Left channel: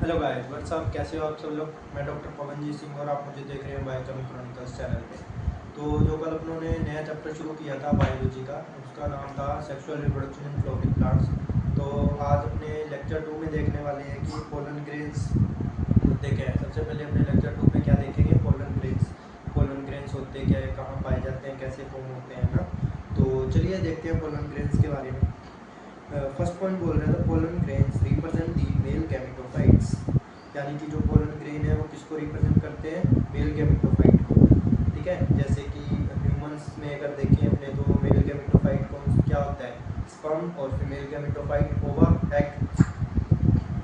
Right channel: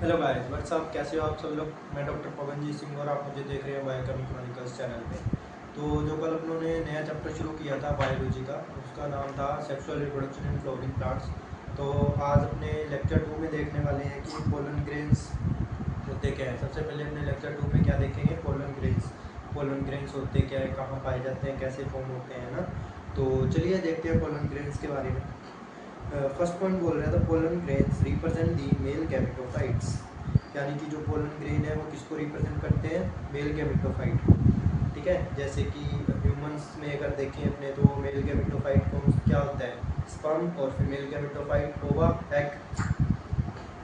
Hello guys what's up, कैसे हो आप सब लोग। मैं डॉक्टर पवनजीत सिंह और आप मुझे देख रहे हैं बायोकेमिक क्रॉनिकल्स चैनल पे। तो जो कल अपनों ने नया चैप्टर शुरू किया था बायोलॉजी का, उसका नाम था sexual reproduction in flooring plants. तो आज अपने लेक्चर 2 में देखने वाले हैं कि पोलन ग्रेन्स होते क्या है। सबसे पहले अपने लेक्चर 2 में क्या देखेंगे, पोलन ग्रेन्स। पोलन ग्रेन्स होते क्या है, कहाँ पाए जाते हैं, कैसे फॉर्म होते हैं ना। तो चलिए देखते हैं पोलन ग्रेन्स के बारे में। फर्स्ट पॉइंट बोल रहा था, pollen grains represent the male gametophytes. यानी कि जो पोलन ग्रेन है वो किसको रिप्रेजेंट करते हैं, मेल गैमेटोफाइट को। ठीक है, जैसे कि ह्यूमंस में अगर देखें अपने तो मेल गैमेटोफाइट को क्या होता है, स्पर्म, और फीमेल गैमेटोफाइट ओवा, एग,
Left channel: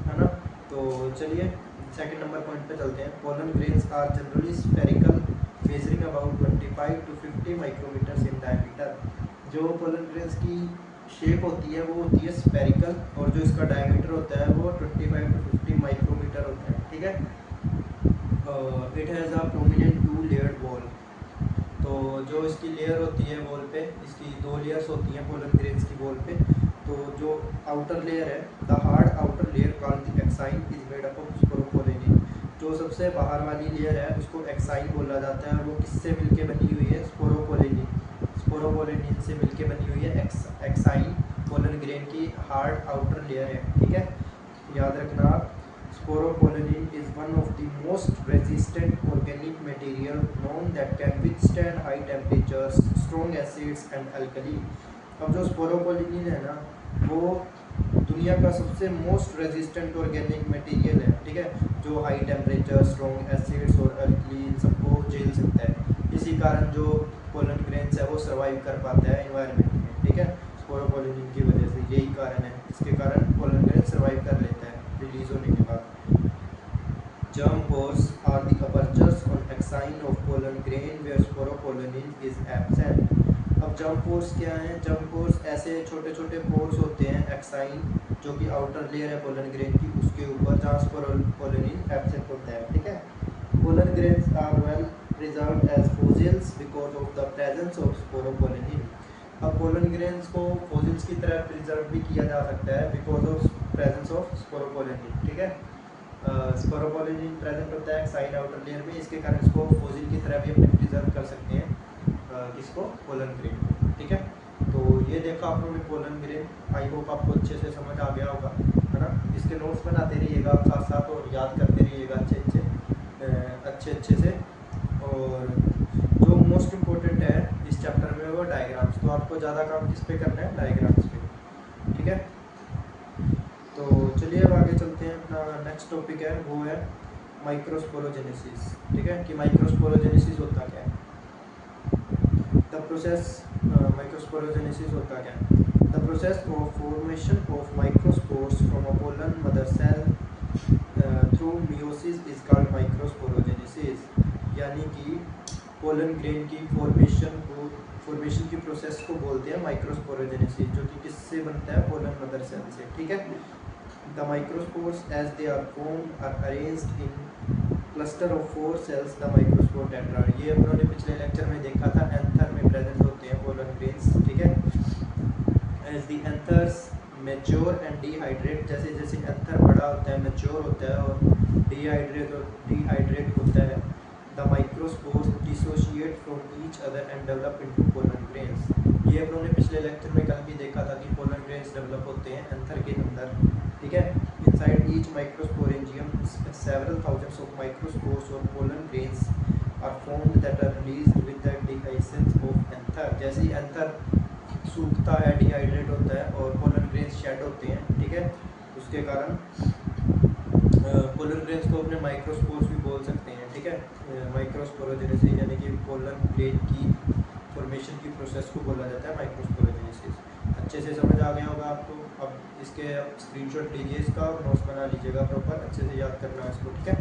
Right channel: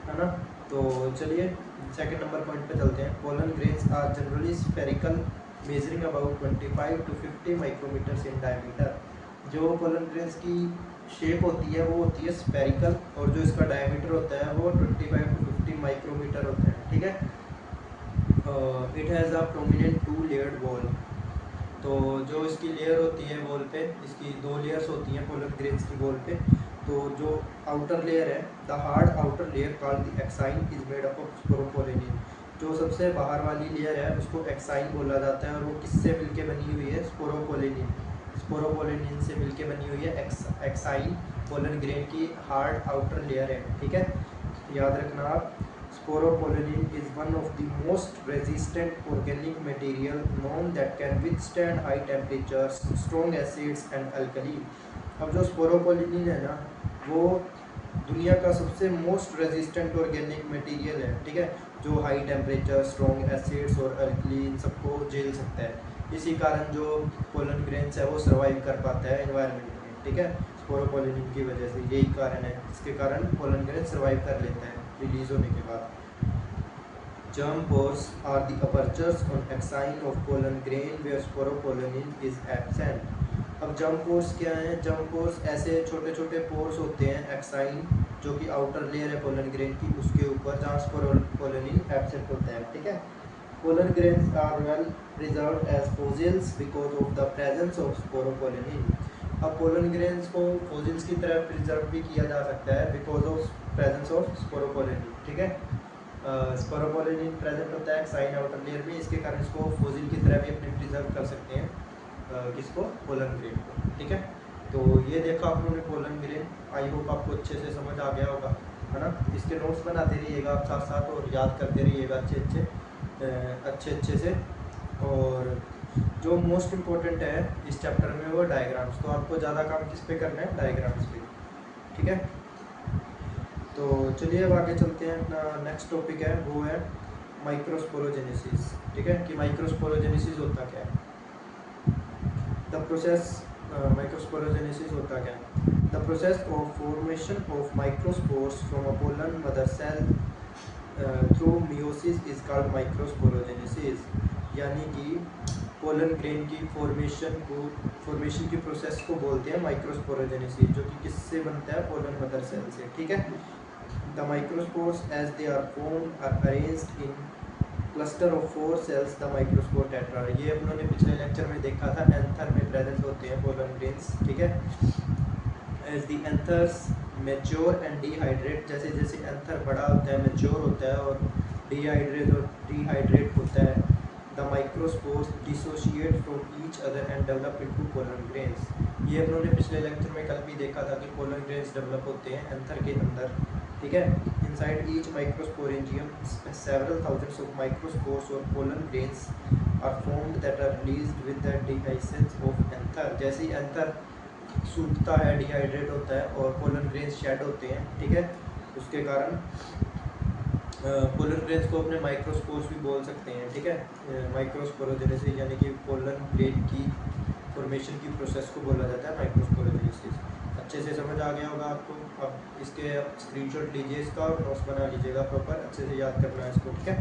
है ना। तो चलिए सेकंड नंबर पॉइंट पे चलते हैं। Pollen grains are generally spherical, measuring about 25 to 50 micrometers in diameter. जो पोलन ग्रेन्स की शेप होती है वो होती है स्फेरिकल, और जो इसका डायमीटर होता है वो 25 to 50 माइक्रोमीटर होता है। ठीक है। It has a prominent 2 layered wall. तो जो इसकी लेयर होती है वॉल पे, इसकी 2 लेयर्स होती हैं पोलन ग्रेन्स की वॉल पे। तो जो आउटर लेयर है, the hard outer layer called the exine is made up of sporopollenin. जो सबसे बाहर वाली लेयर है उसको एक्साइन बोला जाता है, और वो किससे मिलके बनी हुई है, स्पोरोपोलिनिन। स्पोरोपोलिनिन से मिलके बनी हुई है एक्साइन, पोलन ग्रेन की हार्ड आउटर लेयर है। ठीक है, याद रखना आप। Sporopollenin is one of the most resistant organic material known that can withstand high temperatures, strong acids and alkali। अब जो स्पोरोपोलिनिन है ना, वो दुनिया का सबसे मोस्ट रेजिस्टेंट ऑर्गेनिक मटेरियल है। ठीक है, जो हाई टेम्परेचर, स्ट्रॉन्ग एसिड्स और अल्कली इन सबको झेल सकता है। इसी कारण जो पोलन ग्रेन्स है वो सर्वाइव कर पाता है एनवायरनमेंट में। ठीक है, स्पोरोपोलिनिन की वजह से, यही कारण है जिसके कारण पोलन ग्रेन सर्वाइव कर लेता है रिलीज होने के बाद। Germ pores are the apertures on axine of pollen grain where sporopollenin is absent। अब जर्म पोर्स क्या हैं, जर्म पोर्स ऐसे छोटे छोटे पोर्स होते हैं एक्साइन, जो कि आउटर लेयर है पोलन ग्रेन की, उसके ऊपर, जहाँ स्पोरोपोलिनिन एब्सेंट होता है। ठीक है, pollen grains are well preserved as fossils because of the presence of sporopollenin. अब पोलन ग्रेन्स को फोसिल्स की तरह प्रिजर्व भी किया जा सकता है because of presence of sporopollenin. ठीक है, स्पोरोपोलिनिन प्रेजेंट होता है एक्साइन आउटर लेयर में, इसके कारण इसको फोसिल की तरह भी अपने प्रिजर्व कर सकते हैं, किसको, पोलन ग्रेन को। ठीक है, तो ये देखा आप लोगों ने पोलन ग्रेन। आई होप आपको अच्छे से समझ आ गया होगा, है ना। इसके नोट्स बनाते रहिएगा आप साथ साथ, और याद करते रहिएगा अच्छे से। और जो मोस्ट इम्पोर्टेंट है इस चैप्टर में वो डायग्राम्स। तो आपको ज़्यादा काम किस पे करना है, डायग्राम्स पे। ठीक है, तो चलिए अब आगे चलते हैं। अपना नेक्स्ट टॉपिक है वो है माइक्रोस्पोरोजेनेसिस। ठीक है, कि माइक्रोस्पोरोजेनेसिस होता क्या है, द प्रोसेस। माइक्रोस्पोरोजेनेसिस होता क्या है, the process of formation of microspores from a pollen mother cell through meiosis is called microsporogenesis. यानी कि पोलन ग्रेन की फॉर्मेशन की प्रोसेस को बोलते हैं माइक्रोस्पोरोजेनेसिस, जो कि किससे बनता है, पोलन मदर सेल से। ठीक है, the microspores as they are formed are arranged in cluster of 4 cells, the microspore tetra. ये उन्होंने पिछले लेक्चर में देखा था, एंथर में प्रेजेंट होते हैं पोलन ग्रेन्स। ठीक है, as the anthers mature and dehydrate, जैसे जैसे एंथर बड़ा होता है, मैच्योर होता है और डिहाइड्रेट होता है, the microspores dissociate from each other and develop into pollen grains. ये उन्होंने पिछले लेक्चर में कल भी देखा था कि पोलन ग्रेन्स डेवलप होते हैं एंथर के अंदर। ठीक है, inside each microsporangium several thousands of microspores और pollen grains are formed that are released with the dehiscence of anther. जैसे ही एंथर सूखता है, डिहाइड्रेट होता है, और पोलन ग्रेन्स शेड होते हैं। ठीक है, उसके कारण पोलन ग्रेन्स को अपने माइक्रोस्पोर्स भी बोल सकते हैं। ठीक है, माइक्रोस्पोरोजेनेसिस यानी कि पोलन ग्रेन की फॉर्मेशन की प्रोसेस को बोला जाता है माइक्रोस्पोरोजेनेसिस। अच्छे से समझ आ गया होगा आपको। अब इसके स्क्रीनशॉट लीजिए इसका और नोट्स बना लीजिएगा प्रॉपर, अच्छे से याद करना है इसको। ठीक है,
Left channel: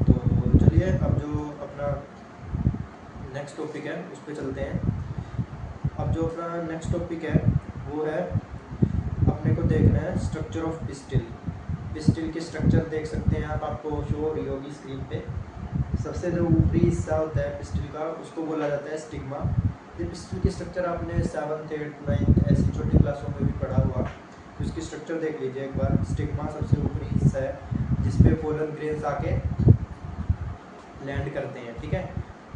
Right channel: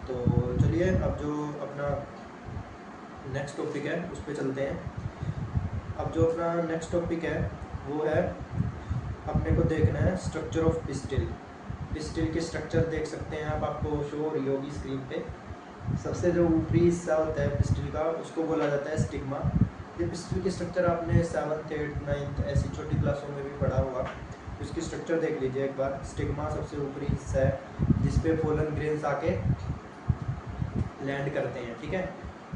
तो चलिए अब जो अपना नेक्स्ट टॉपिक है उस पर चलते हैं। अब जो अपना नेक्स्ट टॉपिक है वो है, अपने को देखना है स्ट्रक्चर ऑफ पिस्टिल। पिस्टिल के स्ट्रक्चर देख सकते हैं आप, आपको शो हो रही होगी स्क्रीन पे। सबसे जो ऊपरी हिस्सा होता है पिस्टिल का उसको बोला जाता है स्टिग्मा। ये पिस्टिल के स्ट्रक्चर आपने 7th 8th 9th ऐसी छोटी क्लासों में भी पढ़ा हुआ। इसकी स्ट्रक्चर देख लीजिए एक बार। स्टिग्मा सबसे ऊपरी हिस्सा है जिसपे पोलन ग्रेन्स आके लैंड करते हैं, ठीक है।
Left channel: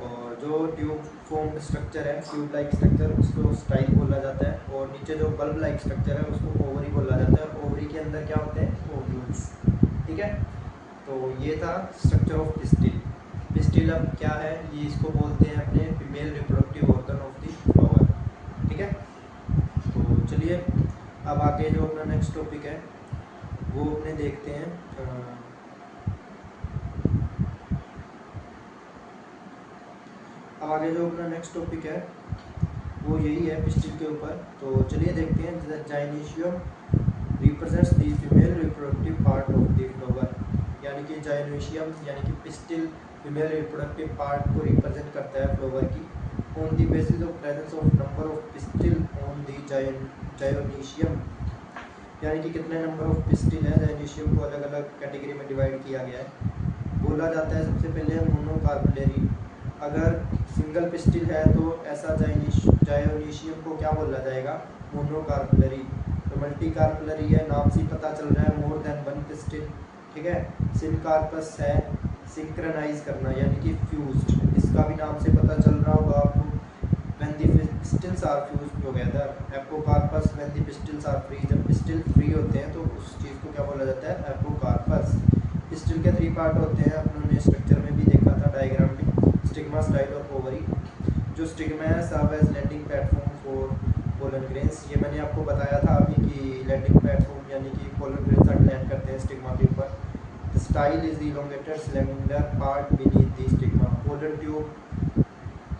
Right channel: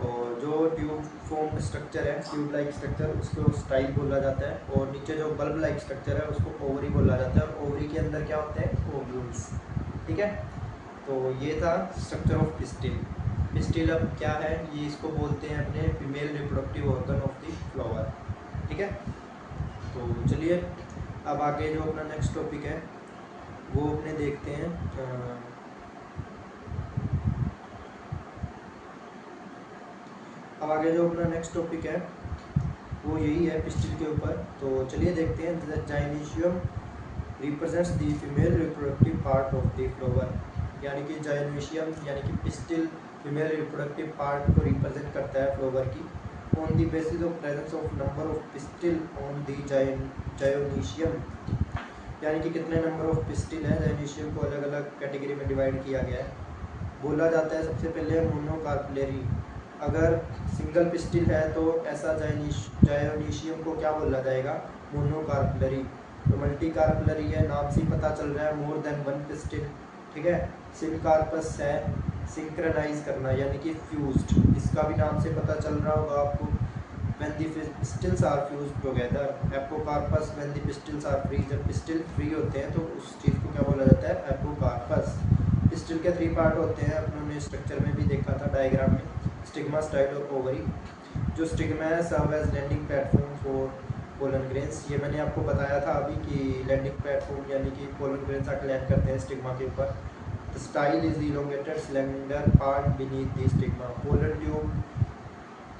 और जो ट्यूब फॉर्म्ड स्ट्रक्चर है, ट्यूब लाइक स्ट्रक्चर, उसको स्टाइल बोला जाता है। और नीचे जो बल्ब लाइक स्ट्रक्चर है उसको ओवरी बोला जाता है। और ओवरी के अंदर क्या होते हैं, ओव्यूल्स, ठीक है। तो ये था स्ट्रक्चर ऑफ पिस्टिल। पिस्टिल अब क्या है, ये इसको बोलते हैं अपने female reproductive organ of the flower, ठीक है। तो चलिए अब आगे जो अपना नेक्स्ट टॉपिक है वो अपने देखते हैं। अब आगे जो अपना नेक्स्ट टॉपिक है वो यही है पिस्टिल के ऊपर। तो चलिए देखते हैं। Gynoecium represents the female reproductive part of the flower, यानी कि जाइनोशियम यानी कि पिस्टिल फीमेल रिप्रोडक्टिव पार्ट को रिप्रेजेंट करता है फ्लावर की। On the basis of presence of number of pistil on the gynoecium, यानी कि कितने नंबर ऑफ पिस्टिल है, जाइनोशियम को अलग अलग कैटेगरी में डिवाइड किया गया है। बोला जाता है सबसे पहले मोनोकार्पलरी। अगर सिंगल पिस्टिल है तो ऐसा जायोनीशियम को क्या बोला जाएगा, मोनोकार्पलरी। तो मल्टी कार्पलरी है, नाम से पता चल रहा है मोर देन वन पिस्टिल, ठीक है। सिनकार्पस है सिंक्रनाइज करना यानी कि फ्यूज्ड, इसका भी नाम से पता चल रहा होगा आपको। When the pistils are fused together. Apocarpous when the pistils are free, जब पिस्टिल फ्री होते हैं तो उस चीज़ को क्या बोला जाता है, एपोकार्पस। पिस्टिल के 3 पार्ट होते हैं, अपने स्ट्रक्चर में भी देखा था डायग्राम में, स्टिग्मा, स्टाइल और ओवरी। जो स्टिग्मा है serve as landing platform for pollen grains, ये मैंने आपको बताया था अभी कि लैंडिंग प्लेटफॉर्म यानी कि पोलन ग्रेन्स आकर लैंड करते हैं स्टिग्मा के ऊपर। The style is the elongated cylinder part beneath the stigma. Pollen tube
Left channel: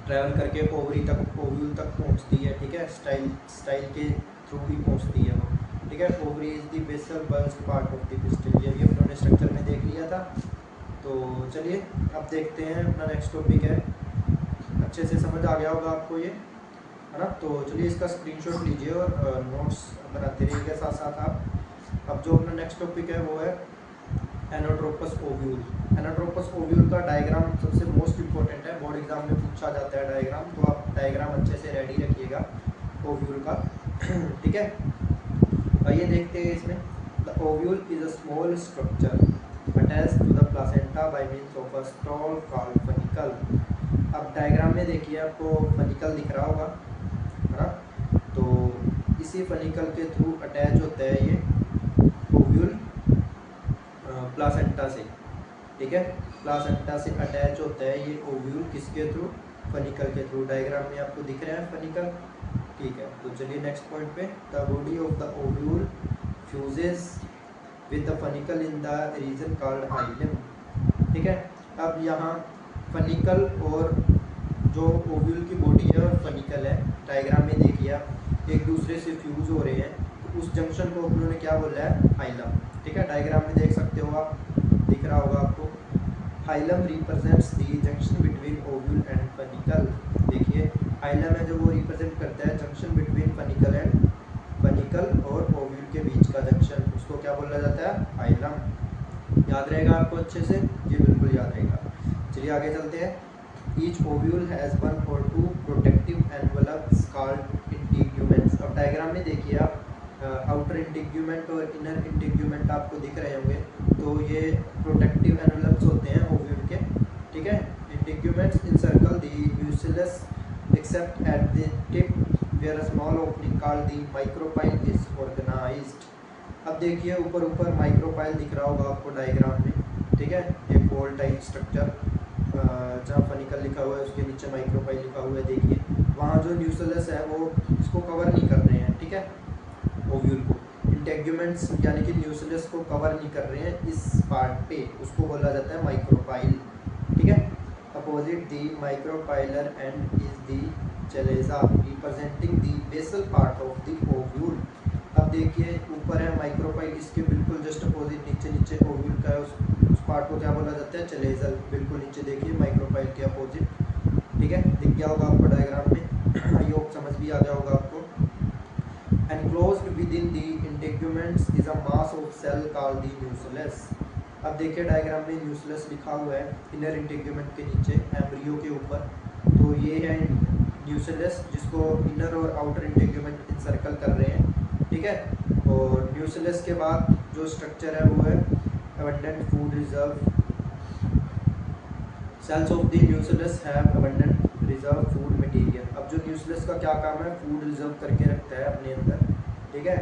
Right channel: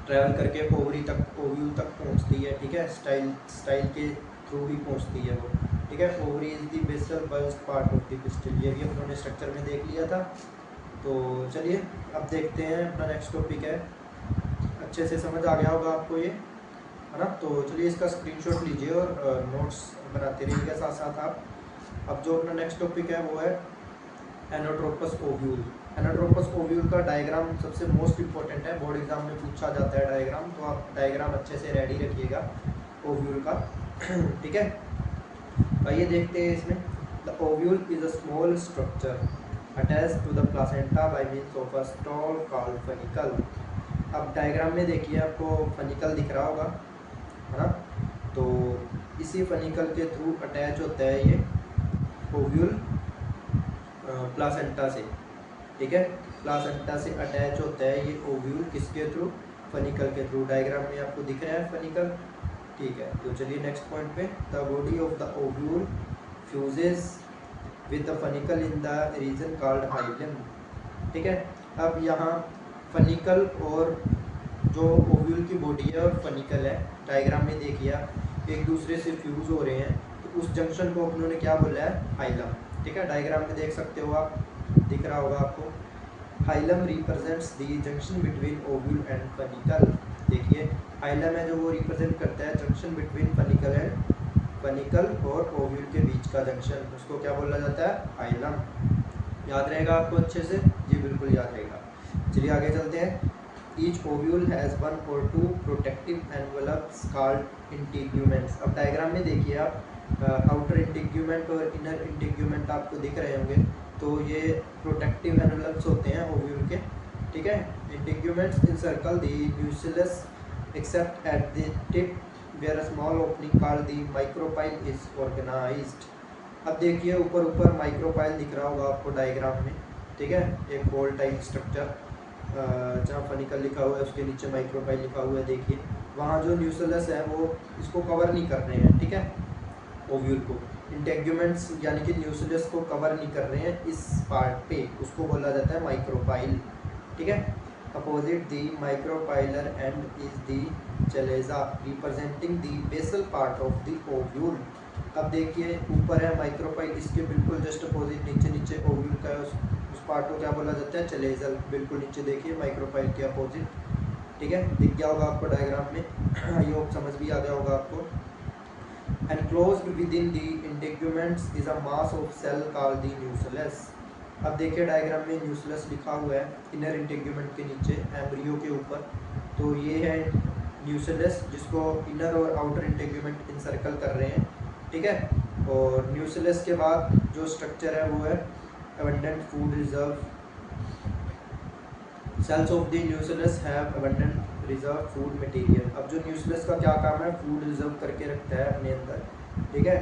travel करके ओवरी तक, ओव्यूल तक पहुंचती है, ठीक है। स्टाइल के थ्रू ही पहुंचती है वो, ठीक है। Ovary is the basal bulged part of the pistil, ये भी हम लोगों ने स्ट्रक्चर में देख लिया था। तो चलिए अब देखते हैं अपना नेक्स्ट टॉपिक है। अच्छे से समझ आ गया होगा आपको ये, है ना। तो चलिए इसका स्क्रीनशॉट लीजिए और नोट्स बनाते रहिएगा साथ साथ आप। अब जो अपना नेक्स्ट टॉपिक है वो है एनोट्रोपस ओव्यूल। एनोट्रोपस ओव्यूल का डायग्राम सबसे मोस्ट इंपॉर्टेंट है, बोर्ड एग्जाम में पूछा जाता है डायग्राम, तो आप डायग्राम अच्छे से रेडी रखिएगा ओव्यूल का, ठीक है। आइए देखते हैं इसमें। The ovule is a small structure attached to the placenta by means of a stall called funicle। अब डायग्राम में देखिए आपको फनिकल दिख रहा होगा, है ना। तो इसी फनिकल के थ्रू अटैच होता है ये ओव्यूल प्लासेंटा से, ठीक है। प्लासेंटा से अटैच होता है ये ओव्यूल, किसके थ्रू, फनिकल के थ्रू। डायग्राम में आपको दिख रहा है फनिकल, ठीक है। तो चलिए नेक्स्ट पॉइंट पे। The body of the ovule fuses with the funicle in the reason called hilum, ठीक है। अब यहाँ फनिकल और जो ओव्यूल की बॉडी है और फनिकल है, डायग्राम में देखिए आप एक दूसरे से फ्यूज हो रहे हैं, तो उस जंक्शन को उन्होंने क्या बोला है, हाइलम, ठीक है। डायग्राम में देख सकते हो आप, दिख रहा होगा आपको। Hilum represents the junction between ovule and funicle. देखिए हाइलम है जो वो रिप्रेजेंट करता है junction between funicle and funicle और ओव्यूल के बीच का जंक्शन, उसको क्या बोला जाता है, हाइलम। याद रहेगा आपको अच्छे से, जी बिल्कुल याद रहेगा। चलिए आगे चलते हैं। Each ovule has 1 or 2 protective envelopes called integuments. अब डायग्राम में देखिए आप, आउटर इंटीग्यूमेंट और इनर इंटीग्यूमेंट आपको दिख रहे होंगे, तो ये प्रोटेक्टिव एनवलप्स होते हैं ओव्यूल के, ठीक है। Integuments encircle the nucleus except at the tip where a small opening called the micropyle is organized। अब देखिए ऊपर ऊपर माइक्रोपाइल दिख रहा होगा आपको डायग्राम में, ठीक है। एक बॉल टाइप स्ट्रक्चर, जहाँ फनिकल लिखा हुआ है उसके नीचे माइक्रोपाइल लिखा हुआ है, देखिए वहाँ जो न्यूक्लियस है वो इसको कवर नहीं कर रहे हैं, ठीक है, ओव्यूल को। इंटीग्यूमेंट्स यानी कि न्यूक्लियस को कवर नहीं कर रहे हैं इस पार्ट पे, उसको बोला जाता है माइक्रोपाइल, ठीक है। Opposite the micropylar end is the chalaza representing the basal part of the ovule। अब देखिए ऊपर है माइक्रोपाइल, इसके बिल्कुल जस्ट अपोजिट नीचे नीचे ओव्यूल का है, उस पार्ट को क्या बोला जाता है, चलेजल। बिल्कुल नीचे देखिए माइक्रोपाइल के अपोजिट, ठीक है, दिख गया होगा आपको डायग्राम में। आई होप समझ भी आ गया होगा आपको। Enclosed within the integuments is a mass of cell called the nucleus. अब देखिए डायग्राम में न्यूक्लियस लिखा हुआ है इनर इंटीग्यूमेंट के नीचे, एम्ब्रियो के ऊपर, तो ये है न्यूक्लियस जिसको इनर और आउटर इंटीग्यूमेंट इंसर्कल कर रहे हैं, ठीक है। और न्यूक्लियस के बाद जो स्ट्रक्चर है वो है abundant food reserve. Cells of the nucleus have abundant reserve food material. अब जो न्यूक्लियस का क्या काम है, फूड रिजर्व करके रखता है अपने अंदर, ठीक है।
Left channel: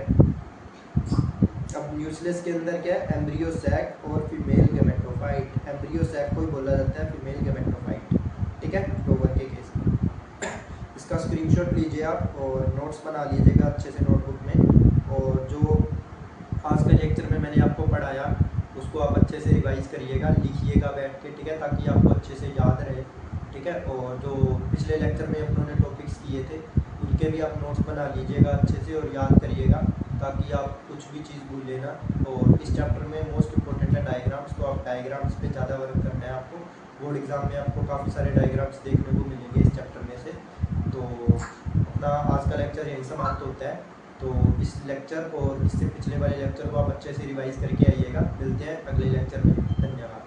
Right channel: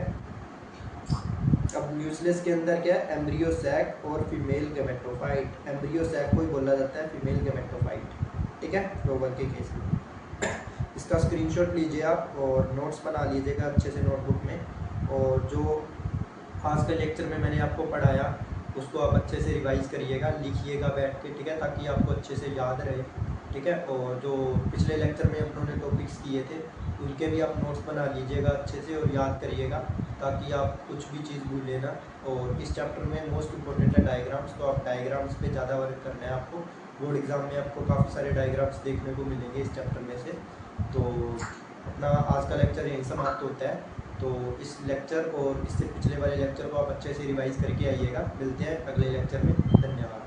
अब न्यूक्लियस के अंदर क्या है, एम्ब्रियो सैक और फीमेल गेमेटोफाइट। एम्ब्रियो सैक को ही बोला जाता है फीमेल गेमेटोफाइट, ठीक है, रोवर के केस में। इसका स्क्रीनशॉट लीजिए आप और नोट्स बना लीजिएगा अच्छे से नोटबुक में। और जो आज के लेक्चर में मैंने आपको पढ़ाया उसको आप अच्छे से रिवाइज करिएगा, लिखिएगा बैठ के, ठीक है, ताकि आपको अच्छे से याद रहे, ठीक है। और जो पिछले लेक्चर में अपनों ने टॉपिक्स किए थे उनके भी आप नोट्स बना लीजिएगा अच्छे से और याद करिएगा, ताकि आप कुछ भी चीज़ भूलें ना। और इस चैप्टर में मोस्ट इंपॉर्टेंट है डायग्राम्स, तो आप डायग्राम्स पे ज़्यादा वर्क करना है आपको। बोर्ड एग्ज़ाम में आपको काफ़ी सारे डायग्राम्स देखने को मिलेंगे इस चैप्टर में से। तो अपना आज का लेक्चर यहीं समाप्त होता है। तो इस लेक्चर और इससे पिछले वाले लेक्चर को आप अच्छे से रिवाइज करके आइएगा। मिलते हैं अगले लेक्चर में, धन्यवाद।